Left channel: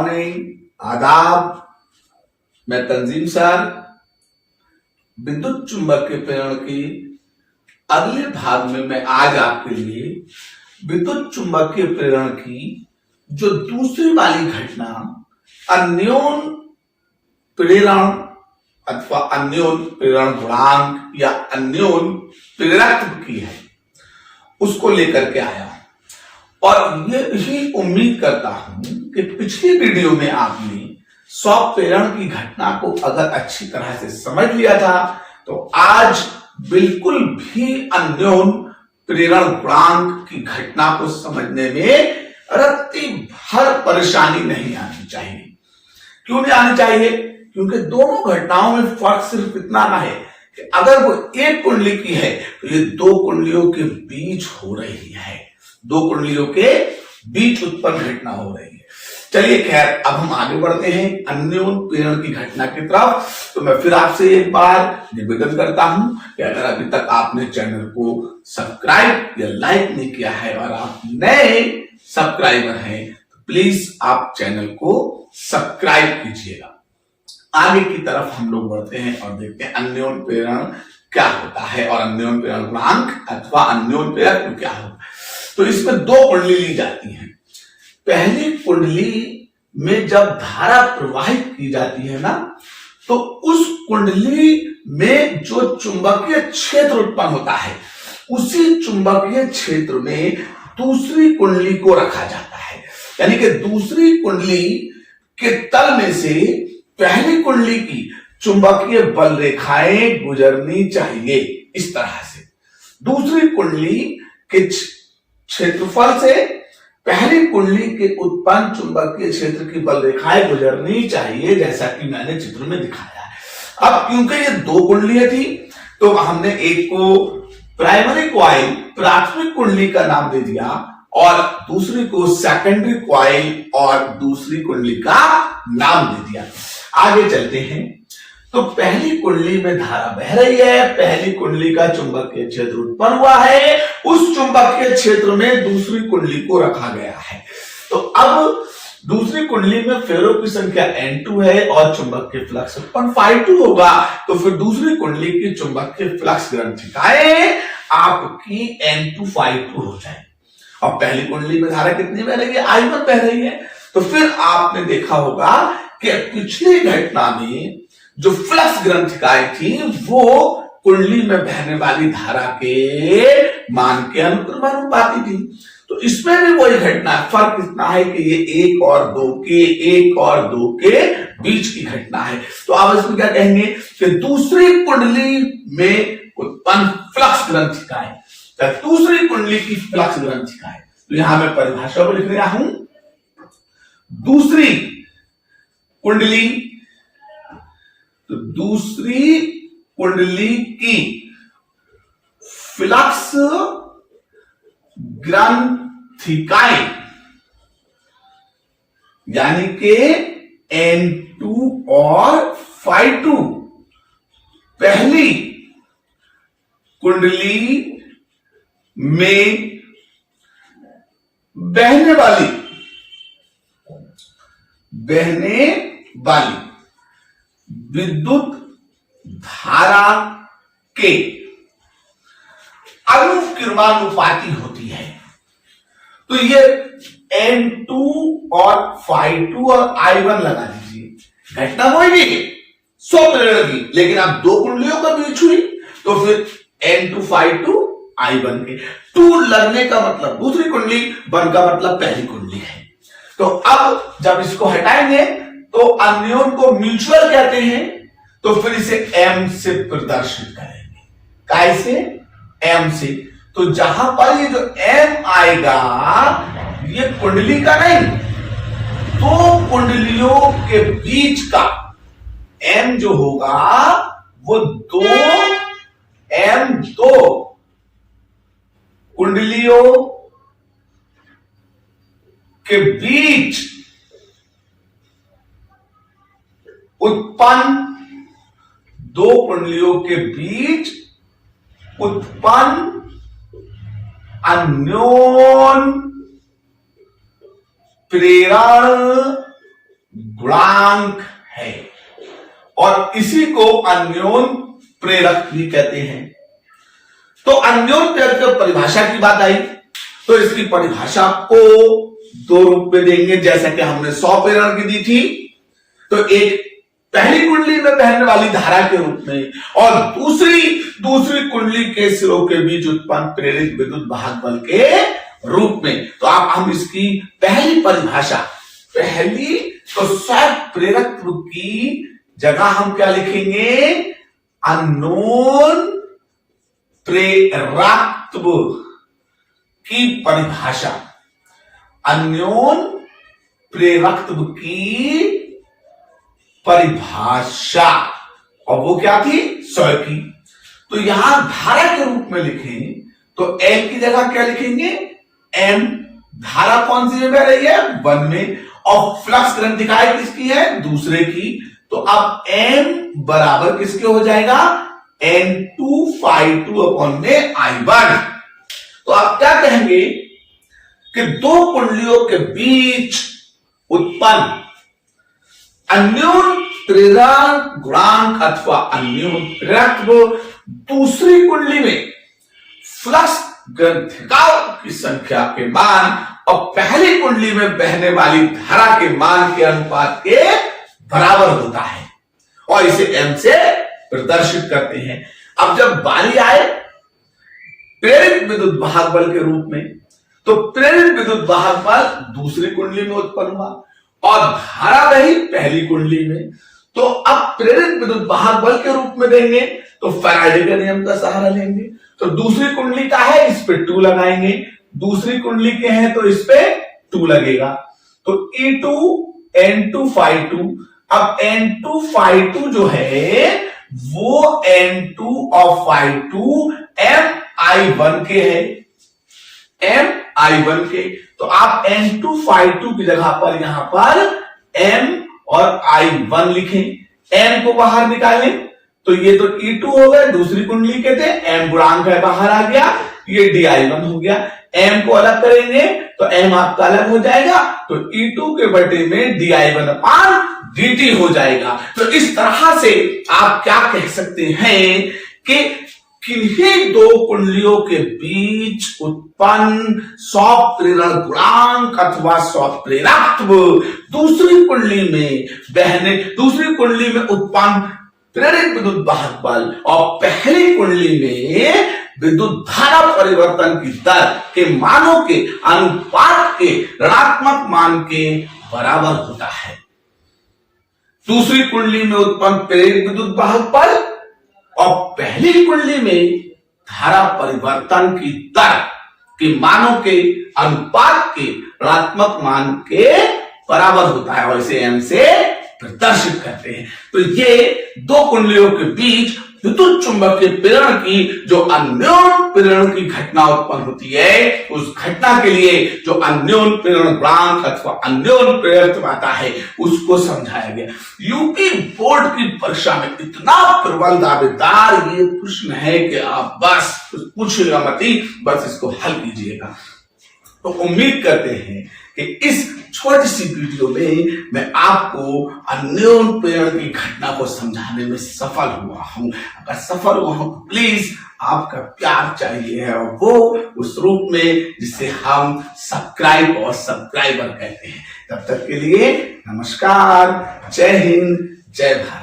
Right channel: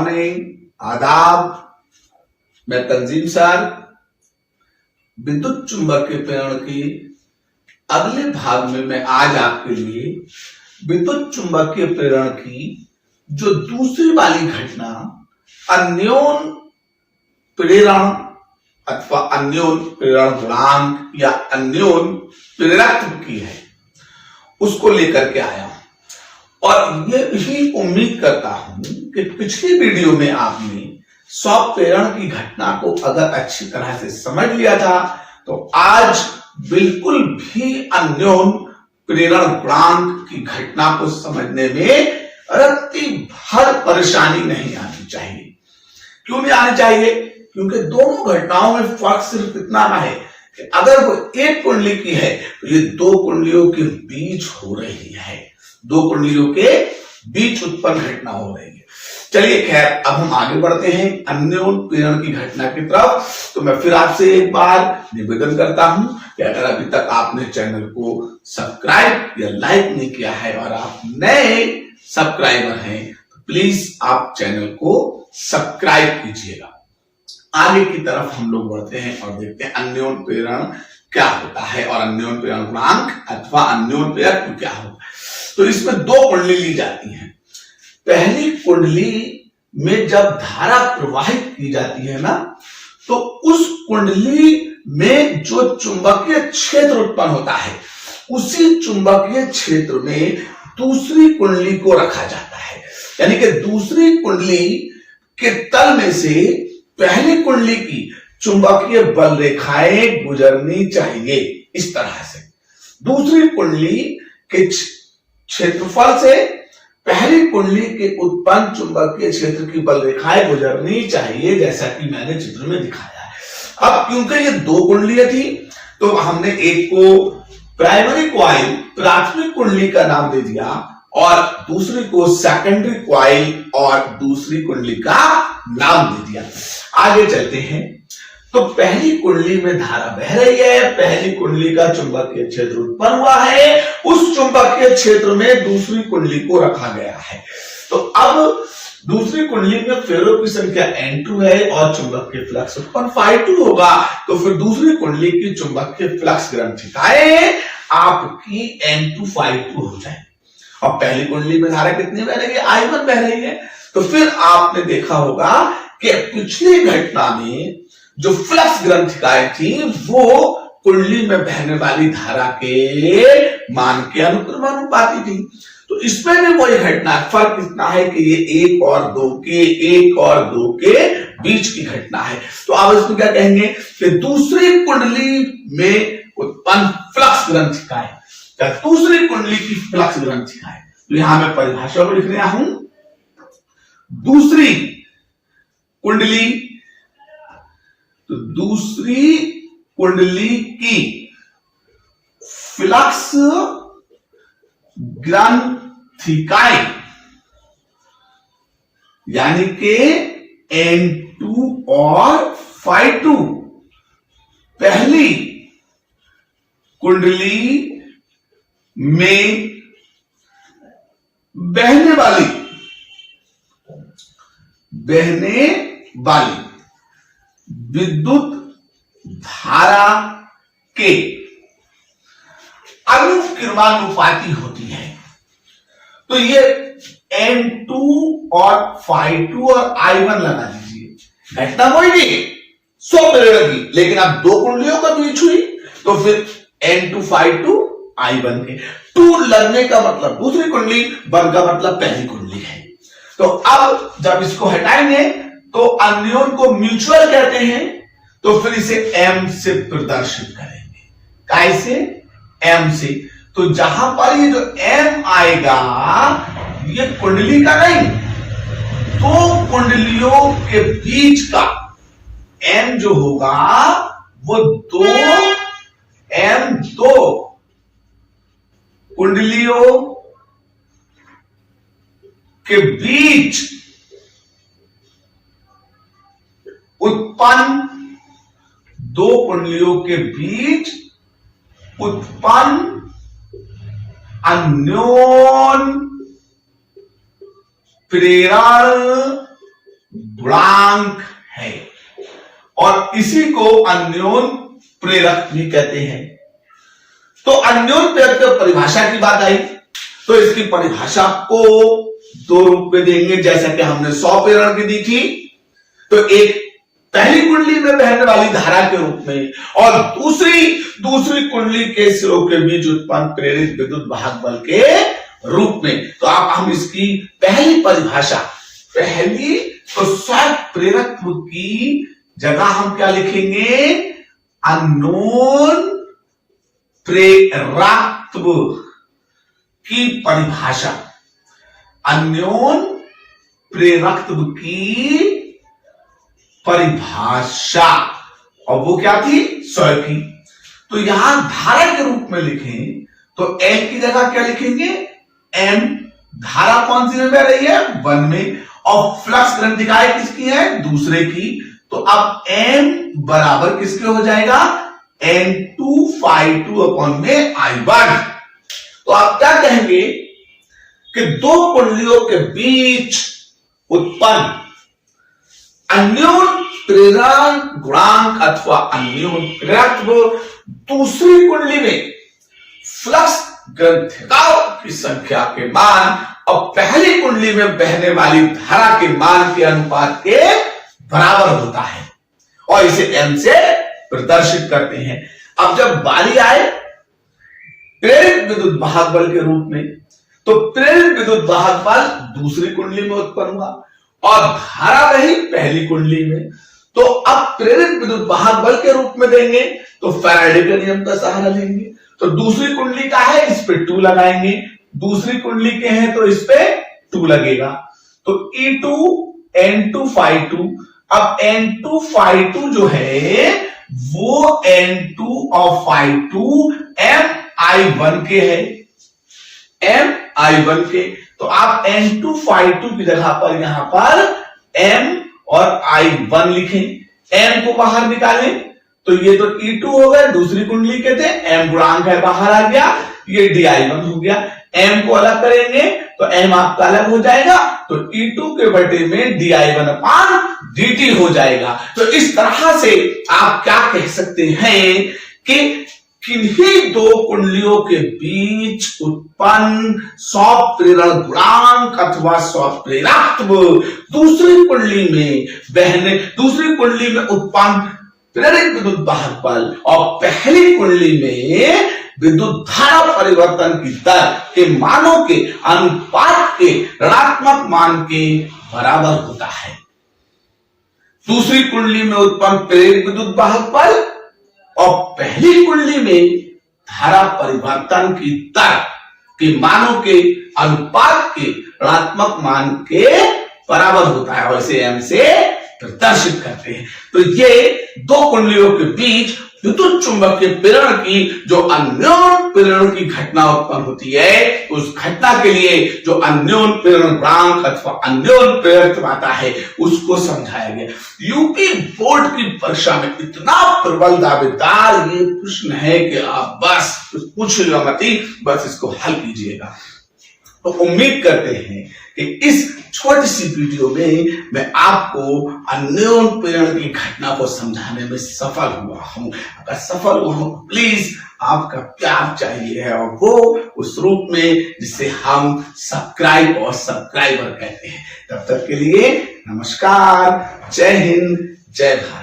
Morning, आदाब। मैं तंजीम sir विद्युत चुंबकीय प्रेरण की अगले भाग में मैं आज आपके लिए विद्युत चुंबकीय प्रेरण की जो दूसरी वाली घटना अन्योन प्रेरण अथवा अन्योन प्रेरण गुणांक या अन्योन प्रेरकत्व की है उसको लेकर के आया हूं। और ये यही उम्मीद करता हूं कि पिछली वीडियो में आपने सॉफ्ट प्रेरण की घटना को अगर अच्छी तरह से समझ लिया था तो आज बिल्कुल भी अन्योन प्रेरण गुणांक की घटना को समझने में रत्ती भर परेशानी नहीं आनी चाहिए। क्यों नहीं आनी चाहिए? क्योंकि दोनों घटनाओं में फर्क सिर्फ इतना ना है कि अगर वो एक कुंडली की है तो ये दो कुंडलियों के बीच हो रही है, दो कुंडलियों के बीच उत्पन्न घटना हो रही है। चलिए खैर, अब हम आगे बढ़ते हैं अन्योन प्रेरण की घटना की तरफ। तो मैं फिर आपसे एक बार निवेदन करता हूं कि अगर अभी तक आपने चैनल को सब्सक्राइब या लाइक नहीं किया है और आप नए सब्सक्राइबर हैं तो प्लीज आप चैनल को सब्सक्राइब कीजिएगा। आगे की तरफ हम लोग बढ़ते हैं और देखते हैं अन्योन प्रेरण क्या होता है और अन्योन प्रेरण गुणांक अथवा अन्योन प्रेरक क्या होता है। तो इसमें दो कुंडली ली जाती हैं। पहली कुंडली में जब धारा प्रवाहित की जाती है ना, तो उस कुंडली में जो चुंबकीय क्षेत्र उत्पन्न होता है उसी चुंबकीय क्षेत्र में दूसरी कुंडली को रखा जाता है। यानी कि दूसरी कुंडली के तल में से पहली कुंडली की चुंबकीय बल रेखाएं गुजरनी चाहिए। इस तरह से दूसरी कुंडली के क्षेत्रफल से पहली कुंडली के उत्पन्न चुंबकीय क्षेत्र की बल रेखाएं गुजरनी चाहिए, जैसा कि मैंने चित्र में दिखाया है। अब क्योंकि ये दो कुंडलियां थी तो हमने एक को प्राइमरी कॉइल प्राथमिक कुंडली का नाम दे दिया और दूसरी को सेकेंडरी कॉइल और दूसरी कुंडली का नाम दे दिया। आगे चलते हैं। तो पहली कुंडली में धारा बह रही है, पहली कुंडली का चुंबकीय क्षेत्र उत्पन्न हुआ है, उस चुंबकीय क्षेत्र में दूसरी कुंडली को रखा गया है। तो अब दूसरी कुंडली में फेरों की संख्या N2 है और चुंबकीय फ्लक्स उत्पन्न Φ2 होगा। तो फिर दूसरी कुंडली की चुंबकीय फ्लक्स ग्रंथिकाएं आपकी N2 Φ2 हो जाए। और पहली कुंडली में धारा कितनी बह रही है? I1 बह रही है। तो फिर आपने देखा होगा कि पिछली घटना में जो फ्लक्स ग्रंथिकाएं थी वो कुंडली में बहने वाली धारा के मान के अनुक्रमानुपाती थी। तो इसमें भी वही घटना है, फर्क इतना है कि ये एक और दो के बीच की घटना है। तो आप इसमें क्या कहेंगे कि दूसरी कुंडली में उत्पन्न फ्लक्स ग्रंथिकाएं, दूसरी कुंडली की फ्लक्स ग्रंथिकाएं। तो यहां मैं परिभाषा में लिख रहा हूं दूसरी कुंडली। तो दूसरी कुंडली की फ्लक्स ग्रंथिकाएं यानी कि N2 और Φ2 पहली कुंडली में बहने वाली विद्युत धारा के अनुक्रमानुपाती होती है। तो ये N2 और Φ2 और I1 लगा दीजिए। घटना वही नहीं है, सौ प्रेरण की, लेकिन अब दो कुंडलियों का बीच हुई तो फिर N2 Φ2 I1 के 2 लगने का मतलब दूसरी कुंडली, 1 का मतलब पहली कुंडली है। तो अब जब इसको हटाएंगे तो अन्योन को म्यूचुअल कहते हैं, तो फिर इसे M से प्रदर्शित करेंगे। कैसे? M से। तो जहां पर ये जो M आएगा ये कुंडली का नहीं, दो कुंडलियों के बीच का M जो होगा वो दो कुंडलियों के बीच उत्पन्न, दो कुंडलियों के बीच उत्पन्न अन्योन प्रेरण गुणांक है और इसी को अन्योन प्रेरक भी कहते हैं। तो अन्योन प्रेरक की परिभाषा की बात आई तो इसकी परिभाषा को दो रूप में देंगे, जैसा कि हमने 100 प्रेरण की दी थी। तो एक पहली कुंडली में बहने वाली धारा के रूप में और दूसरी कुंडली के सिरों के बीच उत्पन्न प्रेरित विद्युत वाहक बल के रूप में। तो आप हम इसकी पहली परिभाषा तो स्वयं प्रेरकत्व की जगह हम क्या लिखेंगे? अननोन प्रेरकत्व की परिभाषा, अन्योन प्रेरकत्व की परिभाषा, और वो क्या थी? 100 की। तो यहां धारा के रूप में लिखें तो L की जगह क्या लिखेंगे? M। धारा कौन सी में बह रही है? 1 में। और फ्लक्स ग्रंथिका किसकी है? दूसरे की। तो अब M बराबर किसके हो जाएगा? N2 अपॉन में I1। तो आप क्या कहेंगे कि दो कुंडलियों के बीच उत्पन्न अन्योन प्रेरण गुणांक अथवा अन्योन प्रेरकत्व दूसरी कुंडली में फ्लक्स ग्रंथिकाओं की संख्या के मान और पहली कुंडली में बहने वाली धारा के मान के अनुपात के बराबर होता है और इसे M से प्रदर्शित करते हैं। अब जब बारी आए प्रेरित विद्युत वाहक बल के रूप में, तो प्रेरित विद्युत वाहक बल दूसरी कुंडली में उत्पन्न हुआ और धारा रही पहली कुंडली में। तो अब प्रेरित विद्युत वाहक बल के रूप में देंगे तो फैराडे के नियम का सहारा लेंगे। तो दूसरी कुंडली का है, इस पे 2 लगाएंगे, दूसरी कुंडली के हैं तो इस पे 2 लगेगा। तो E2 N2 Phi2। अब N2 Phi2 जो है वो N2 और Phi2 MI1 के है, MI1 के। तो आप N2 Phi2 की जगह पर यहां पर M और I1 लिखें। M को बाहर निकालें तो ये तो E2 हो गए, दूसरी कुंडली के थे, M गुणांक है बाहर आ गया, ये DI1 हो गया। M को अलग करेंगे तो M आपका अलग हो जाएगा, तो E2 के बटे में DI1 अपान DT हो जाएगा। तो इस तरह से आप क्या कह सकते हैं कि किन्हीं दो कुंडलियों के बीच उत्पन्न स्वप्रेरण गुणांक अथवा स्वप्रेरकत्व दूसरी कुंडली में उत्पन्न प्रेरित विद्युत वाहक बल और पहली कुंडली में विद्युत धारा परिवर्तन की दर के मानों के अनुपात के ऋणात्मक मान के बराबर होता है। दूसरी कुंडली में उत्पन्न प्रेरित विद्युत वाहक बल और पहली कुंडली में धारा परिवर्तन की दर के मानों के अनुपात के ऋणात्मक मान के बराबर होता है और इसे M से प्रदर्शित करते हैं। तो ये दो कुंडलियों के बीच विद्युत चुंबकीय प्रेरण की जो अन्योन प्रेरण की घटना उत्पन्न होती है, उस घटना के लिए जो अन्योन प्रेरण गुणांक अथवा अन्योन प्रेरकत्व आता है उसको समझाया गया। यूपी बोर्ड की परीक्षा में इतना प्रबल दावेदार ये प्रश्न है कि आप बस पूछिएगा मत ही, बस इसको हल कीजिएगा। तो उम्मीद करते हैं कि इस छोटी सी वीडियो में मैं आपको अन्योन प्रेरण की घटना को समझाने में सफल हुआ हूं। अगर सफल हुआ हूं प्लीज आपका प्यार चाहिए है और वो उस रूप में जिसे हम सब्सक्राइब और सब्सक्राइबर कहते हैं। तब तक के लिए नमस्कार, जय हिंद, जय भारत।